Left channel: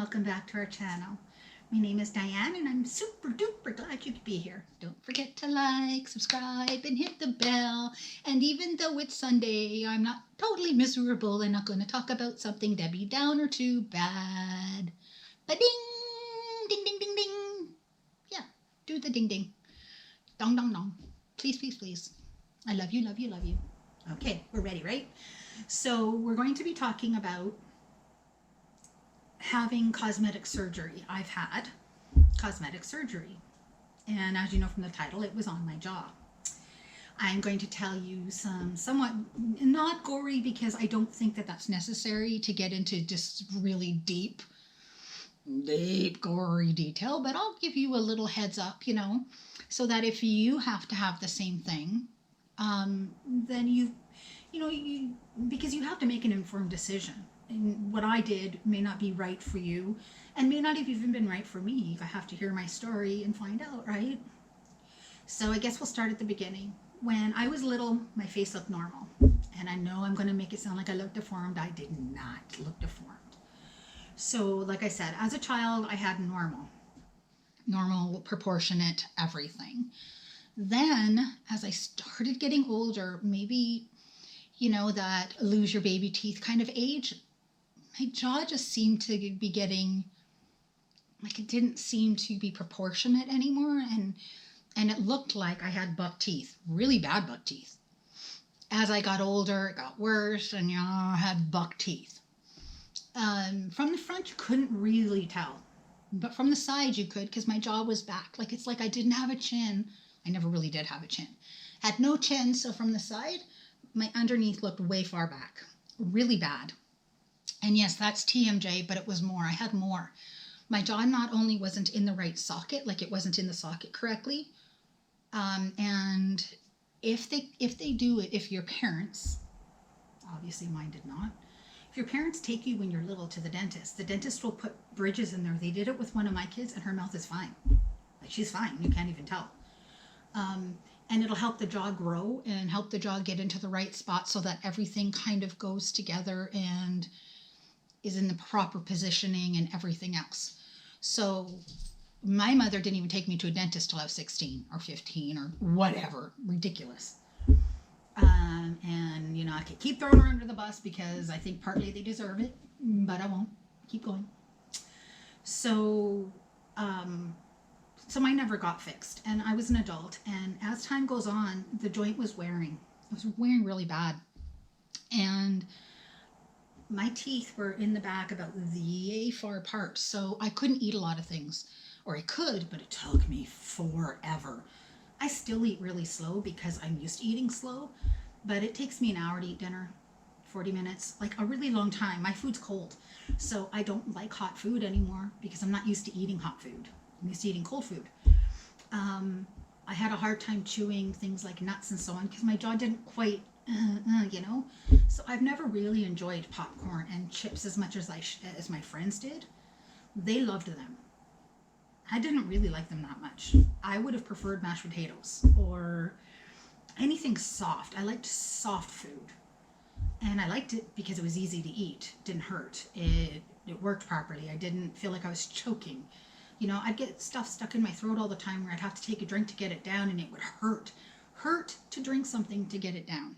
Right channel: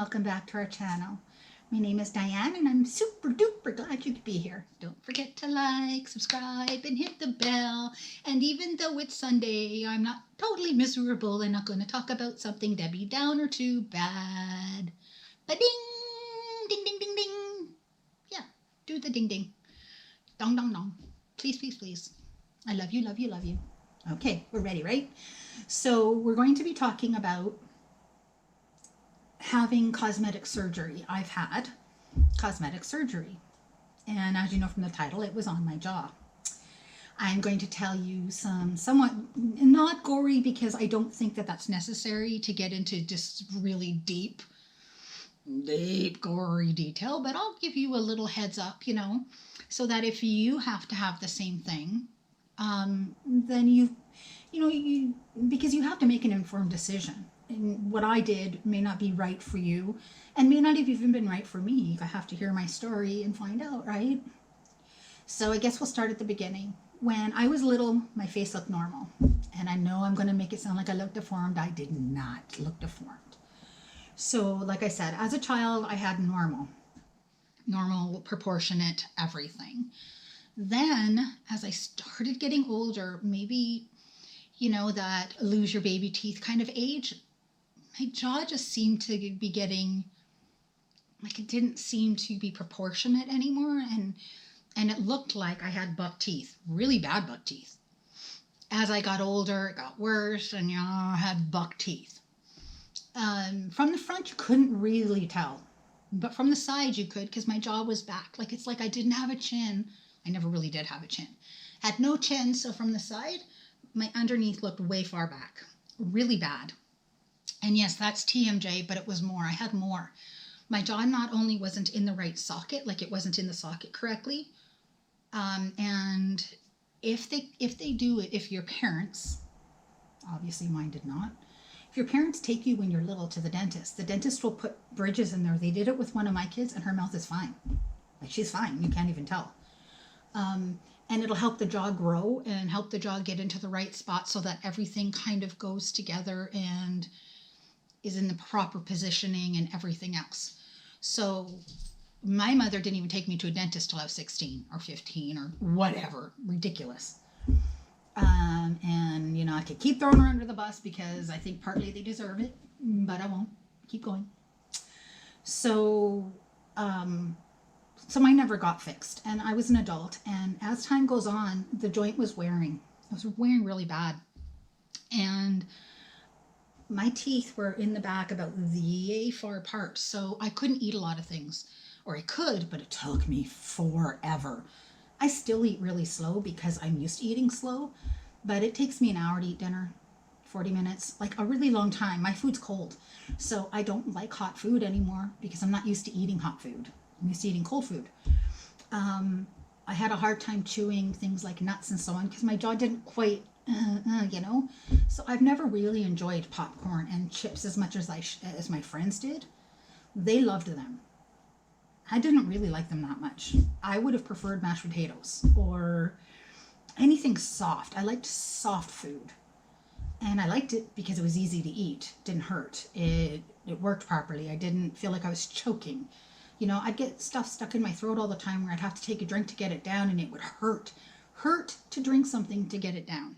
welcome back to our channel. My name is Diane and I'm super duper glad you could be here. Don't forget to like, subscribe, and hit the bell. And even though it's Sunday, I'm not totally miserable and not going to talk about something Debbie Downer too bad. Ba-ding! Ding, ding, ding, ding. Yeah, do the ding, ding. Dong, dong, dong. Please, please, please. I love you, love you, love you. Okay, we're ready, right? So we're going to be talking about having cosmetic surgery. I've had cosmetic surgery, and as you know from the title, it was on my jaw. I'm going to tell you some somewhat not gory, because I don't think that that's necessary to get into just really deep gory detail, but I'll give you a little heads up, so that if you have to have the same thing, then you because you have to make an informed decision. And what I did may not be right for you, and may not have even been right for me. I have to hear my story and find out, right? So I guess we'll start at the beginning. When I was little, my face looked normal. And I know I'm going to make it sound like I looked deformed. I did not look deformed. So like I said, as a child, I had normal, proportionate everything. Then, as I started getting older, maybe, that lose your baby teeth kind of age, my jaw just seemed to be getting, like, it didn't seem to be proportionate anymore. And it looked like I had buck teeth, really bad buck teeth. As I got older, it got worse, and I had buck teeth. From the front, you couldn't really tell. But from the side, you could, because my jaw was back. Like, it's like I didn't have a chin. I never really did have a chin. Had no chin, so from the side, my underneath looked way far back. Really bad. And yes, that's TMJ, but it was more. I had more. My jaw not only wasn't in the right socket, like it wasn't in the socket correctly, and if your parents, obviously mine did not, if your parents take you when you're little to the dentist will put bridges in there. They did it with one of my kids, and her mouth is fine. Like, she's fine. You can't even tell. And it'll help the jaw grow and help the jaw get into the right spot so that everything kind of goes together and is in the proper positioning and everything else. So my mother didn't even take me to a dentist till I was 16 or 15 or whatever. Ridiculous. And, I could keep throwing her under the bus because I think partly they deserve it, but I won't. Keep going. So mine never got fixed, and I was an adult, and as time goes on, the joint was wearing. It was wearing really bad, and my teeth were in the back about the far apart, so I couldn't eat a lot of things. Or I could, but it took me forever. I still eat really slow because I'm used to eating slow, but it takes me an hour to eat dinner, 40 minutes, like a really long time. My food's cold, so I don't like hot food anymore because I'm not used to eating hot food. I'm used to eating cold food. I had a hard time chewing things like nuts and so on because my jaw didn't quite, So I've never really enjoyed popcorn and chips as much as as my friends did. They loved them. I didn't really like them that much. I would have preferred mashed potatoes or anything soft. I liked soft food. And I liked it because it was easy to eat. It didn't hurt. It worked properly. I didn't feel like I was choking. I'd get stuff stuck in my throat all the time where I'd have to take a drink to get it down, and it would hurt to drink something to get it down.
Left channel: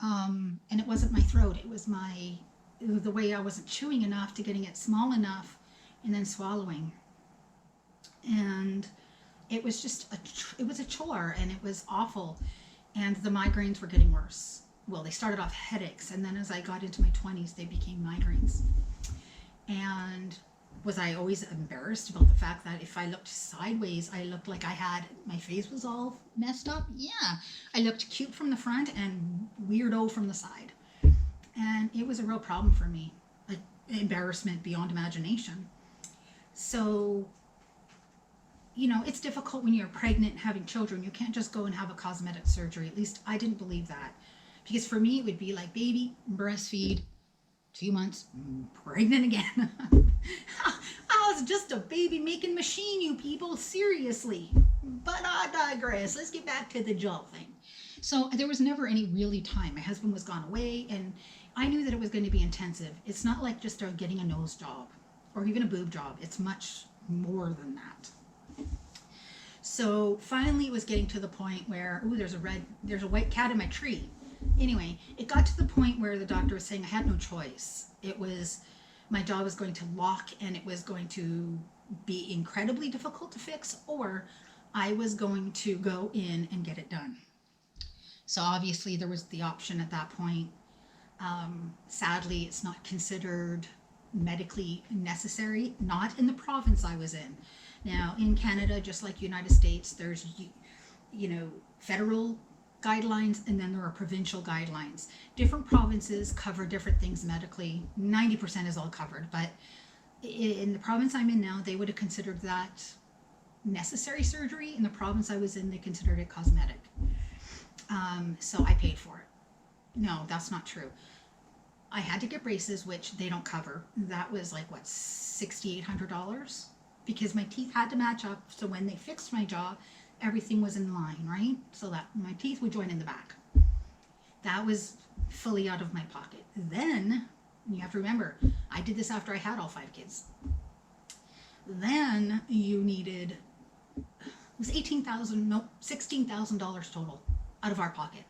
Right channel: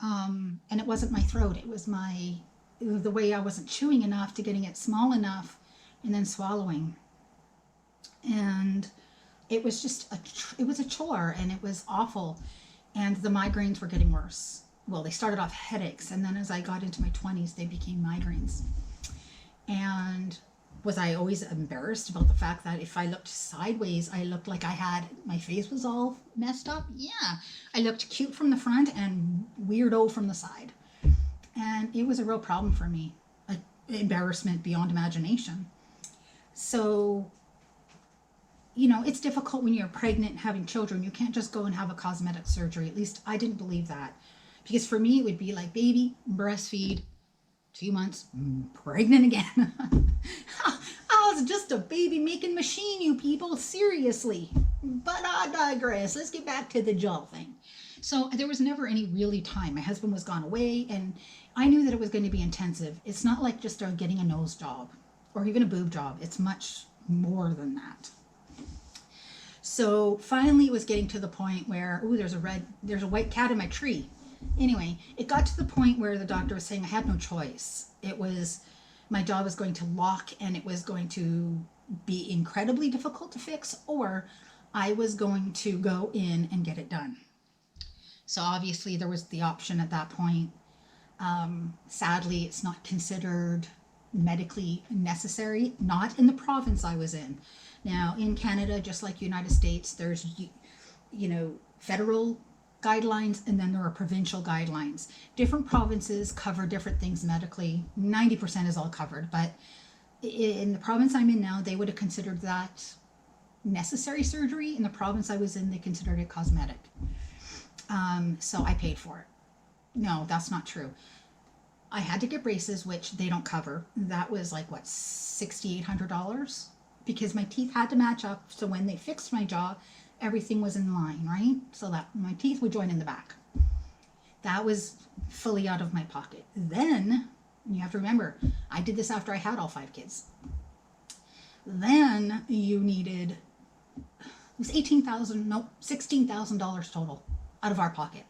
And it wasn't my throat. It was the way I wasn't chewing enough to getting it small enough and then swallowing. And it was just it was a chore, and it was awful. And the migraines were getting worse. Well, they started off headaches, and then as I got into my 20s, they became migraines. And was I always embarrassed about the fact that if I looked sideways, I looked like my face was all messed up? Yeah. I looked cute from the front and weirdo from the side. And it was a real problem for me. Like, embarrassment beyond imagination. So, it's difficult when you're pregnant and having children. You can't just go and have a cosmetic surgery. At least I didn't believe that. Because for me, it would be like, baby, breastfeed, 2 months, pregnant again. I was just a baby-making machine, you people, seriously. But I digress. Let's get back to the jaw thing. So there was never any really time. My husband was gone away, and I knew that it was going to be intensive. It's not like just getting a nose job. or even a boob job. It's much more than that. So finally it was getting to the point where, ooh, there's a white cat in my tree. Anyway, it got to the point where the doctor was saying I had no choice. It was, my jaw was going to lock and it was going to be incredibly difficult to fix, or I was going to go in and get it done. So obviously there was the option at that point. Sadly, it's not considered medically necessary, not in the province I was in. Now, in Canada, just like United States, there's, federal guidelines, and then there are provincial guidelines. Different provinces cover different things medically. 90% is all covered, but in the province I'm in now, they would have considered that necessary surgery. In the province I was in, they considered it cosmetic. So I paid for it. No, that's not true. I had to get braces, which they don't cover. That was like, what, $6,800? Because my teeth had to match up. So when they fixed my jaw, everything was in line, right? So that my teeth would join in the back. That was fully out of my pocket. Then, you have to remember, I did this after I had all 5 kids. Then you needed, it was $16,000 total out of our pocket.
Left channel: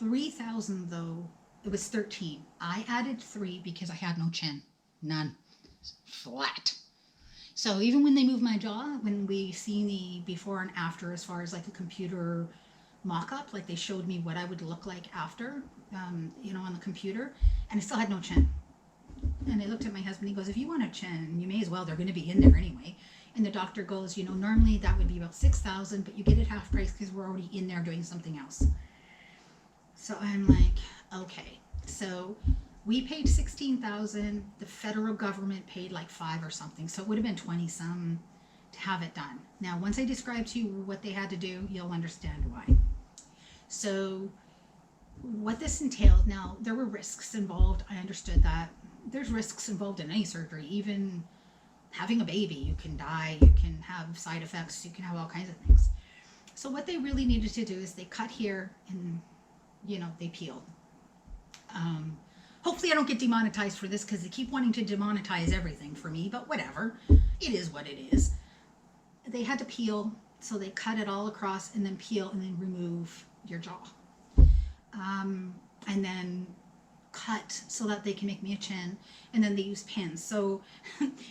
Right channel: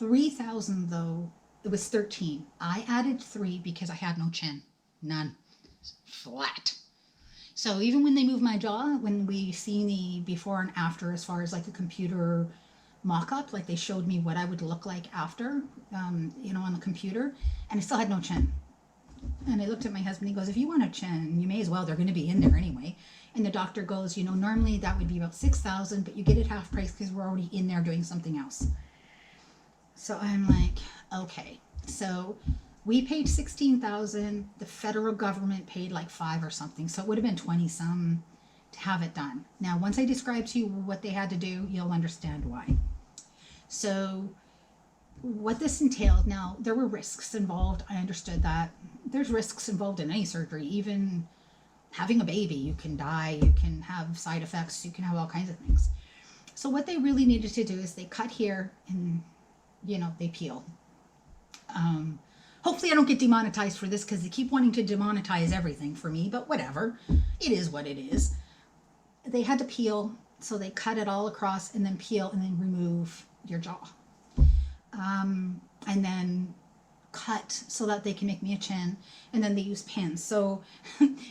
$3,000 though, it was 13. I added 3 because I had no chin, none, flat. So even when they moved my jaw, when we see the before and after, as far as like a computer mock-up, like they showed me what I would look like after, on the computer, and I still had no chin. And I looked at my husband, he goes, if you want a chin, you may as well, they're going to be in there anyway. And the doctor goes, normally that would be about $6,000, but you get it half price because we're already in there doing something else. So I'm like, okay. So we paid $16,000. The federal government paid like $5 or something. So it would have been 20 some to have it done. Now, once I describe to you what they had to do, you'll understand why. So what this entailed, now there were risks involved. I understood that. There's risks involved in any surgery, even having a baby. You can die, you can have side effects, you can have all kinds of things. So what they really needed to do is they cut here and, they peel. Hopefully I don't get demonetized for this because they keep wanting to demonetize everything for me, but whatever. It is what it is. They had to peel, so they cut it all across and then peel and then remove your jaw. And then cut so that they can make me a chin, and then they use pins. So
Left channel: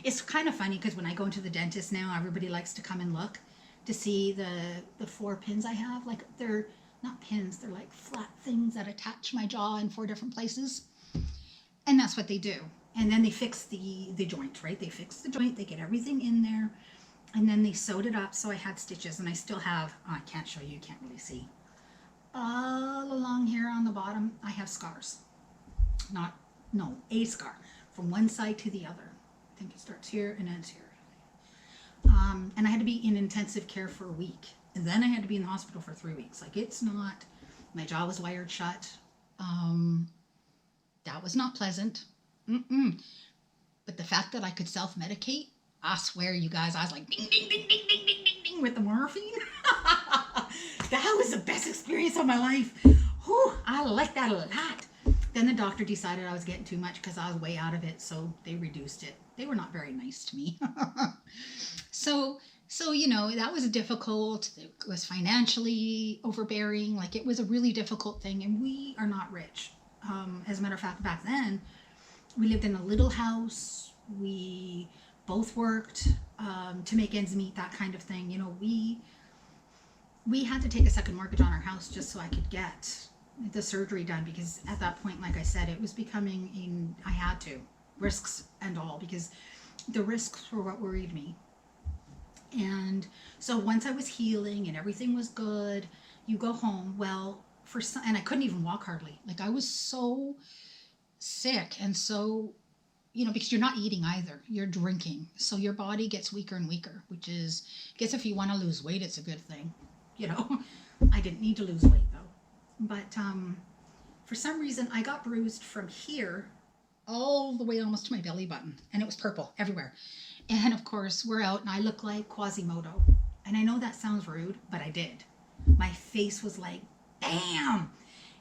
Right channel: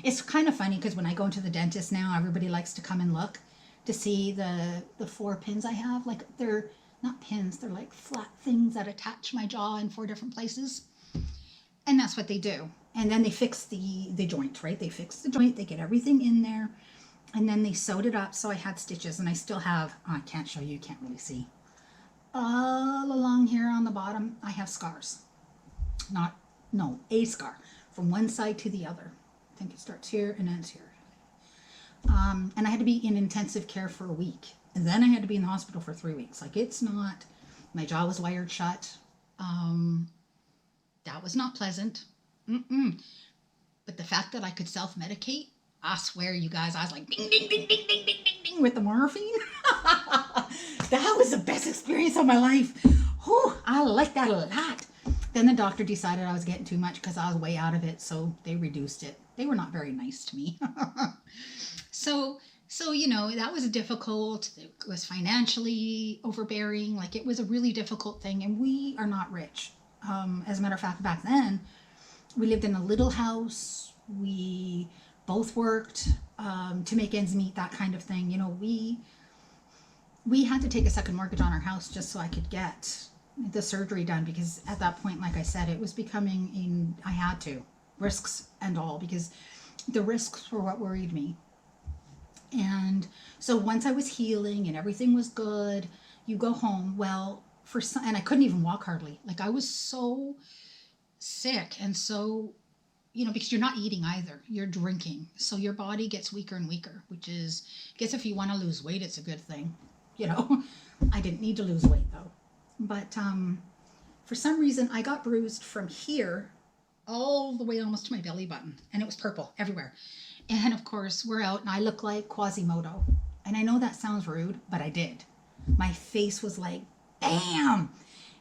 it's kind of funny because when I go into the dentist now, everybody likes to come and look to see the 4 pins I have. Like, they're not pins, they're like flat things that attach my jaw in 4 different places. And that's what they do. And then they fix the joint, right? They fix the joint, they get everything in there, and then they sewed it up. So I had stitches, and I still have, I can't show you, you can't really see. All along here on the bottom, I have scars. A scar from one side to the other. I think it starts here and ends here. And I had to be in intensive care for a week. And then I had to be in the hospital for 3 weeks. Like, it's not, my jaw was wired shut. That was not pleasant. But the fact that I could self-medicate, I swear, you guys, I was like, ding, ding, ding, ding, ding, ding, ding, ding, with the morphine. That was the best experience of my life. Whew, I like that a lot. Then the doctor decided I was getting too much because I was way out of it, so they reduced it. They were not very nice to me. So that was difficult. It was financially overbearing. Like, it was a really difficult thing, and we are not rich. As a matter of fact, back then, we lived in a little house. We both worked to make ends meet, that kind of thing. We had to take a second mortgage on our house just so I could get the surgery done, because at that point, like I said, it was becoming I had to, risks and all, because the risks were what worried me. And so once I was healing and everything was good, you go home. Well, and I couldn't even walk hardly. Like, I was so sick, and so, because you're not eating either, you're drinking. So your body gets weaker and weaker, which is, I guess if you want to lose weight, it's a good thing. I didn't need to lose weight though. But for some reason, I got bruised from here all the way almost to my belly button, and it was purple everywhere. And of course, we're out, and I look like Quasimodo. And I know that sounds rude, but I did. My face was like, bam!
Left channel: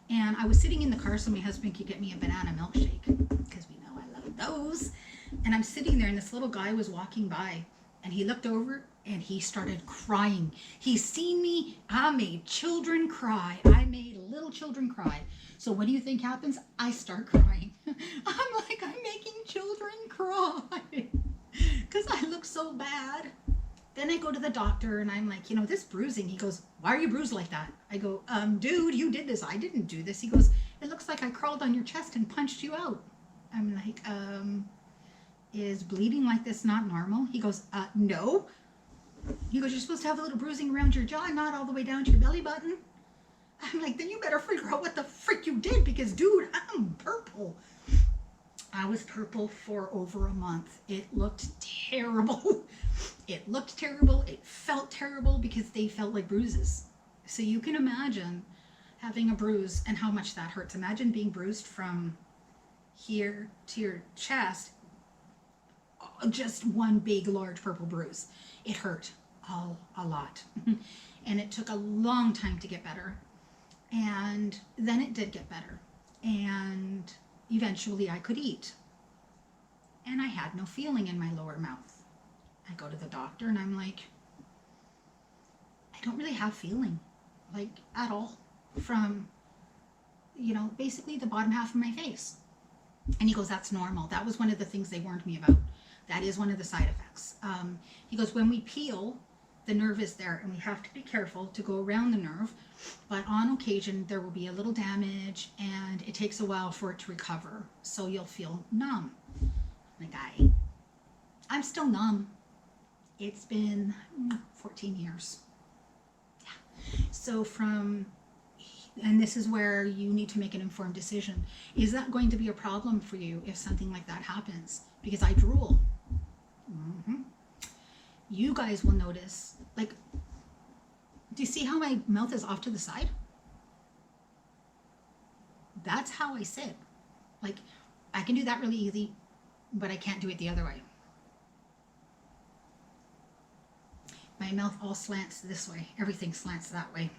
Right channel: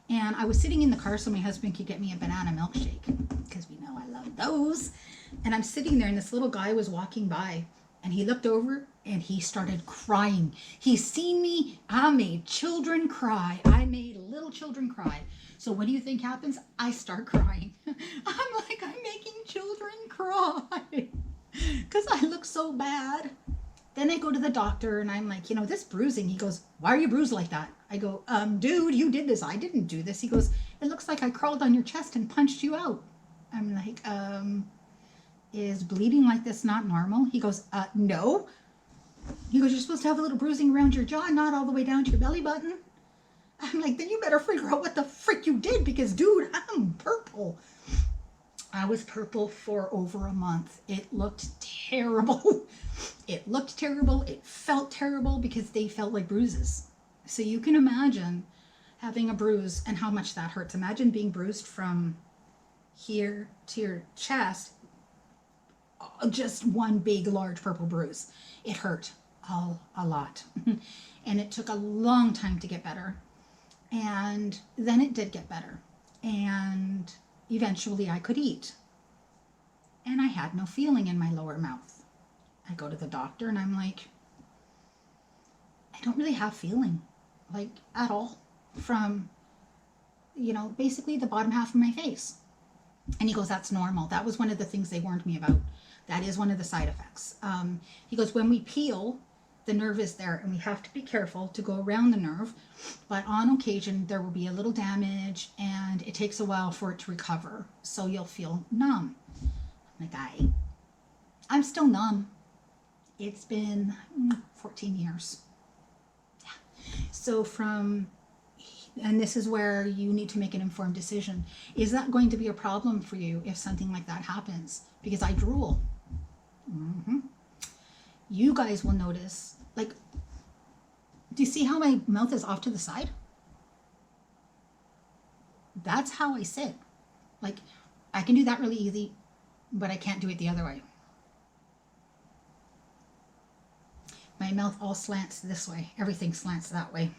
And I was sitting in the car so my husband could get me a banana milkshake, because we know I love those. And I'm sitting there, and this little guy was walking by, and he looked over and he started crying. He seen me. I made children cry. I made little children cry. So what do you think happens? I start crying. I'm like, I'm making children cry because I look so bad. Then I go to the doctor and I'm like, this bruising. He goes, why are you bruised like that? I go, dude, you did this. I didn't do this. He goes, it looks like I crawled on your chest and punched you out. I'm like, is bleeding like this not normal? He goes, no. He goes, you're supposed to have a little bruising around your jaw, not all the way down to your belly button. I'm like, then you better figure out what the frick you did, because dude, I'm purple. I was purple for over a month. It looked terrible. It looked terrible. It felt terrible because they felt like bruises. So you can imagine having a bruise and how much that hurts. Imagine being bruised from here to your chest, just one big, large purple bruise. It hurt a lot. And it took a long time to get better. And then it did get better. And eventually I could eat. And I had no feeling in my lower mouth. I go to the doctor and I'm like, I don't really have feeling, like at all, from, basically the bottom half of my face. And he goes, that's normal. That was one of the things they warned me about. That is one of the side effects. He goes, when we peel, the nerve is there and we have to be careful to go around the nerve. But on occasion, there will be a little damage and it takes a while for it to recover. So you'll feel numb. I'm like, I'm still numb. It's been 14 years. Yeah. So and this is where you need to make an informed decision. Is that going to be a problem for you if something like that happens? Because I drool. You guys will notice, like, do you see how my mouth is off to the side? That's how I sit. Like, I can do that really easy, but I can't do it the other way. My mouth all slants this way. Everything slants that way.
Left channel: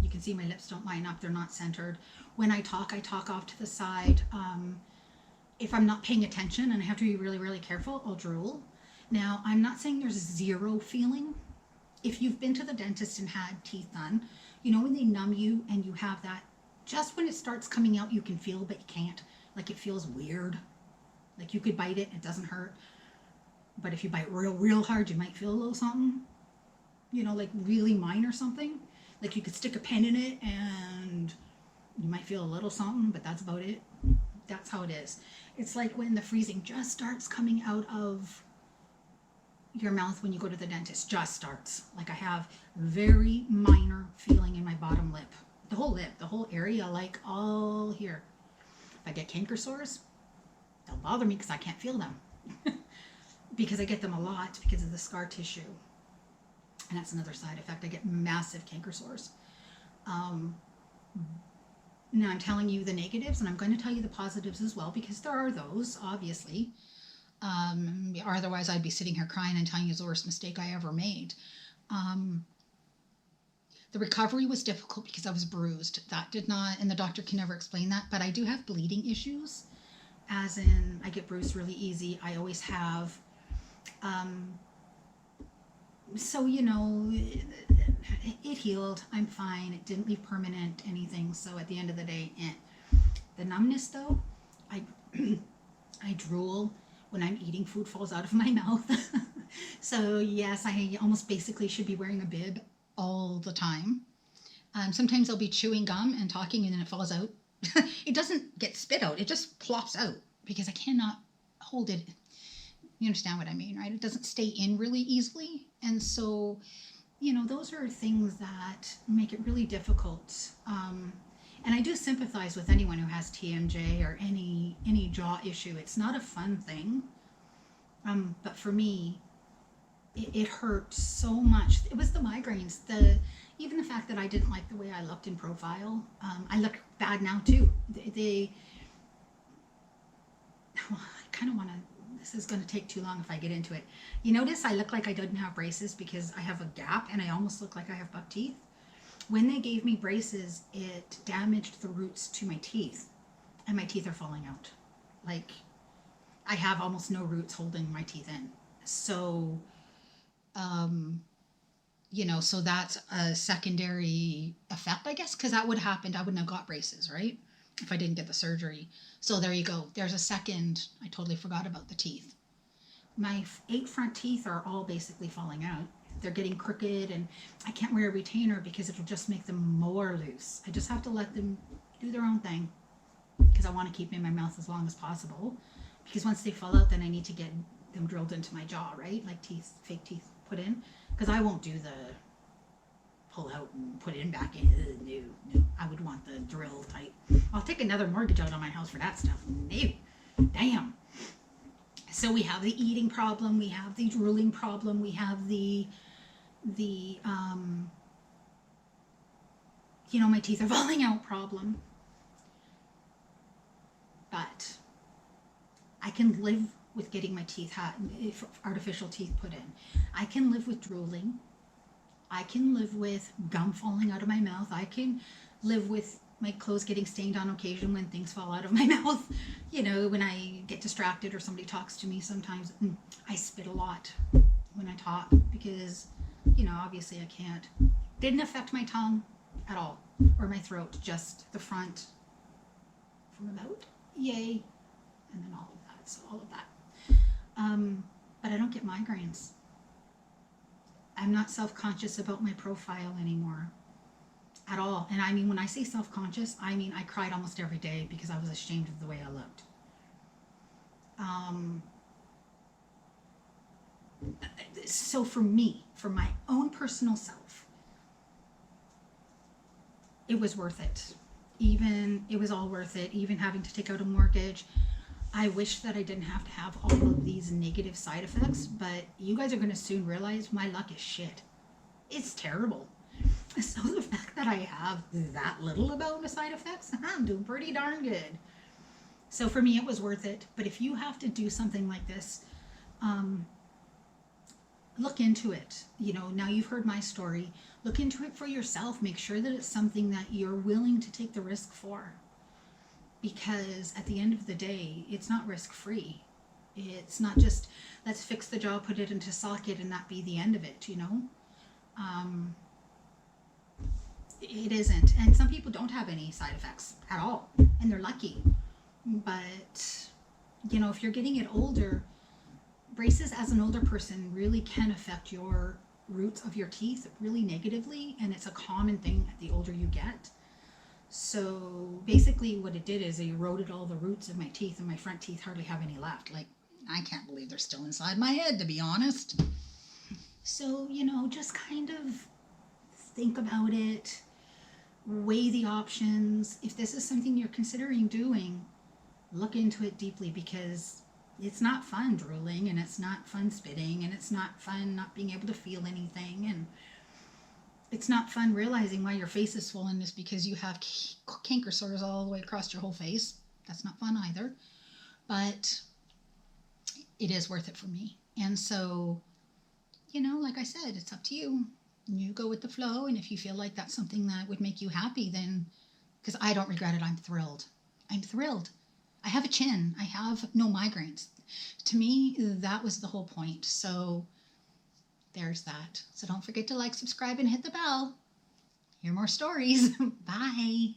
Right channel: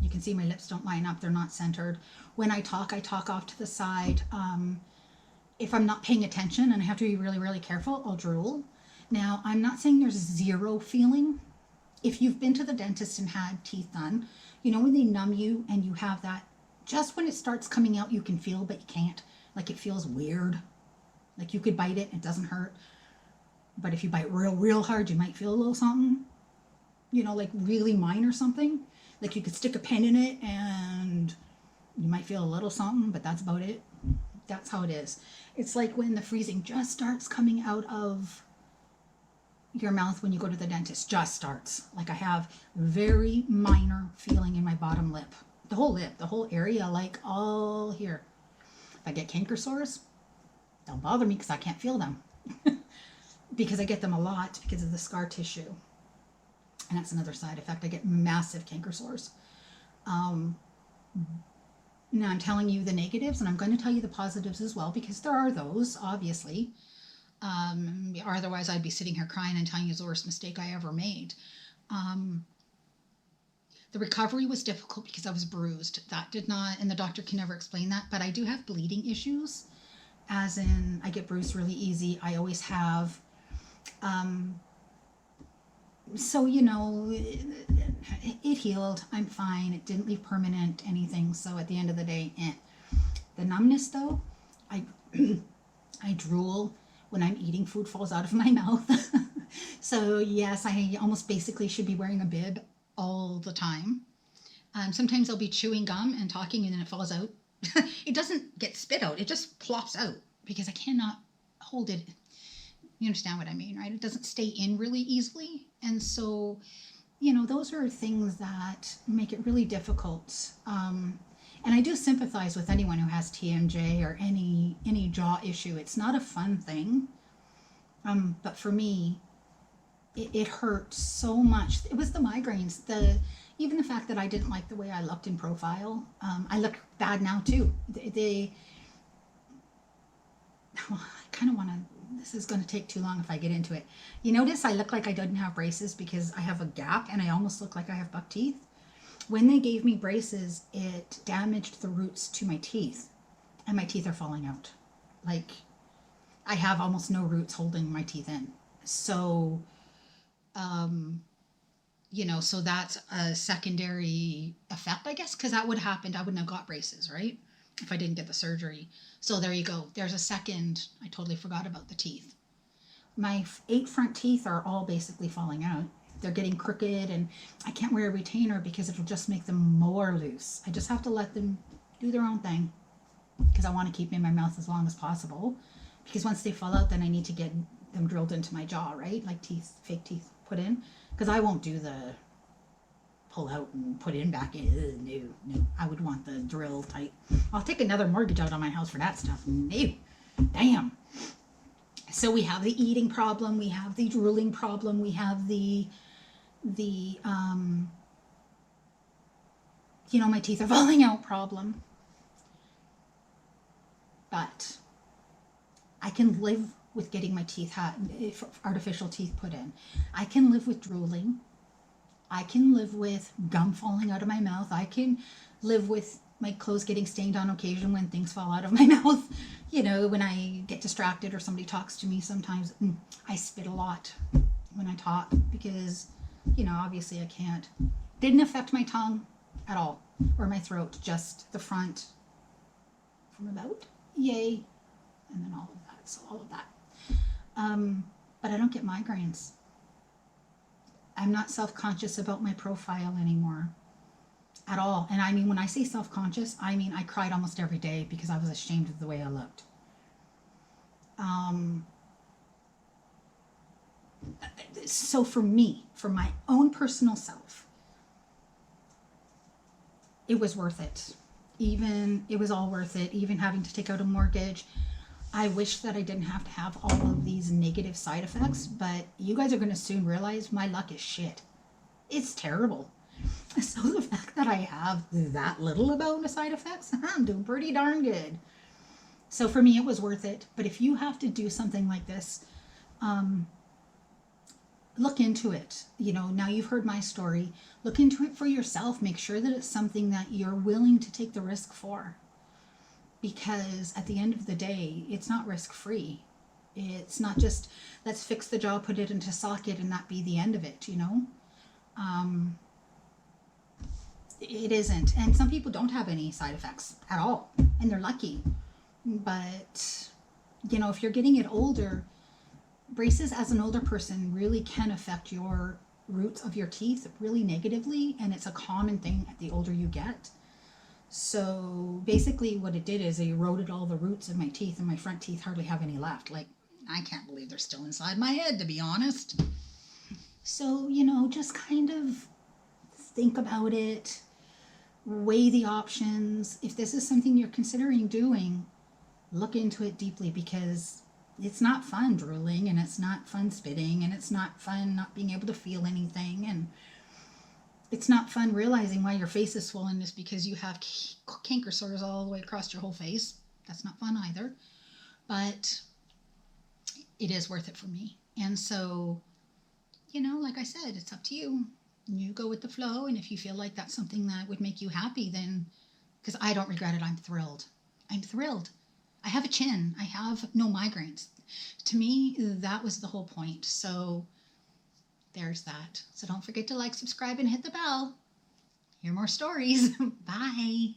You can see my lips don't line up. They're not centered. When I talk off to the side. If I'm not paying attention and I have to be really, really careful, I'll drool. Now, I'm not saying there's zero feeling. If you've been to the dentist and had teeth done, when they numb you and you have that, just when it starts coming out, you can feel, but you can't. Like, it feels weird. Like, you could bite it, it doesn't hurt. But if you bite real, real hard, you might feel a little something, like really minor something. Like, you could stick a pen in it and you might feel a little something, but that's about it. That's how it is. It's like when the freezing just starts coming out of your mouth when you go to the dentist. Just starts. Like, I have very minor feeling in my bottom lip. The whole area, like all here. If I get canker sores, don't bother me because I can't feel them. Because I get them a lot because of the scar tissue. And that's another side effect. I get massive canker sores. Now I'm telling you the negatives, and I'm going to tell you the positives as well, because there are those, obviously. Otherwise, I'd be sitting here crying and telling you the worst mistake I ever made. The recovery was difficult because I was bruised. That did not, and the doctor can never explain that, but I do have bleeding issues, as in I get bruised really easy. I always have. So, it healed. I'm fine. It didn't leave permanent anything. So at the end of the day, The numbness, though, I drool. When I'm eating, food falls out of my mouth. So yes, I almost basically should be wearing a bib all the time. Sometimes I'll be chewing gum and talking and then it falls out. It doesn't get spit out. It just plops out because I cannot hold it. You understand what I mean, right? It doesn't stay in really easily. And so, those are things that make it really difficult. And I do sympathize with anyone who has TMJ or any jaw issue. It's not a fun thing. But for me, it hurt so much. It was the migraines. Even the fact that I didn't like the way I looked in profile. I look bad now too. I kind of want to, this is going to take too long if I get into it. You notice I look like I didn't have braces because I have a gap and I almost look like I have buck teeth. When they gave me braces, it damaged the roots to my teeth and my teeth are falling out. Like, I have almost no roots holding my teeth in. So, so that's a secondary effect, I guess, because that would have happened. I wouldn't have got braces, right? If I didn't get the surgery. So there you go. There's a second. I totally forgot about the teeth. My 8 front teeth are all basically falling out. They're getting crooked, and I can't wear a retainer because it'll just make them more loose. I just have to let them do their own thing because I want to keep them in my mouth as long as possible. Because once they fall out, then I need to get them drilled into my jaw, right? Like teeth, fake teeth put in. Because I won't do the pull out and put it in back in. No. I would want the drill type. I'll take another mortgage out on my house for that stuff. No. Damn. So we have the eating problem. We have the drooling problem. We have the my teeth are falling out problem. But I can live with getting my teeth artificial teeth put in. I can live with drooling. I can live with gum falling out of my mouth. I can live with my clothes getting stained on occasion when things fall out of my mouth. When I get distracted or somebody talks to me, sometimes I spit a lot when I talk because, obviously I can't. Didn't affect my tongue at all or my throat, just the front from about yay and then all of that. So all of that. But I don't get migraines. I'm not self-conscious about my profile anymore at all. And I mean, when I say self-conscious, I mean, I cried almost every day because I was ashamed of the way I looked. So for me, for my own personal self, it was worth it. It was all worth it. Even having to take out a mortgage. I wish that I didn't have to have all of these negative side effects, but you guys are going to soon realize my luck is shit. It's terrible. So the fact that I have that little about side effects, I'm doing pretty darn good. So for me, it was worth it. But if you have to do something like this, look into it. Now you've heard my story. Look into it for yourself. Make sure that it's something that you're willing to take the risk for. Because at the end of the day, it's not risk-free. It's not just, let's fix the jaw, put it into socket, and that be the end of it, It isn't. And some people don't have any side effects at all, and they're lucky. But, if you're getting it older, braces as an older person really can affect your roots of your teeth really negatively, and it's a common thing the older you get. So basically what it did is it eroded all the roots of my teeth, and my front teeth hardly have any left. Like, I can't believe they're still inside my head, to be honest. So, just kind of think about it, weigh the options. If this is something you're considering doing, look into it deeply, because it's not fun drooling, and it's not fun spitting, and it's not fun not being able to feel anything, and it's not fun realizing why your face is swollen just because you have canker sores all the way across your whole face. That's not fun either. But it is worth it for me. And so, like I said, it's up to you. You go with the flow. And if you feel like that's something that would make you happy, then, because I don't regret it, I'm thrilled. I'm thrilled. I have a chin. I have no migraines. To me, that was the whole point. So there's that. So don't forget to like, subscribe, and hit the bell. Hear more stories. Bye.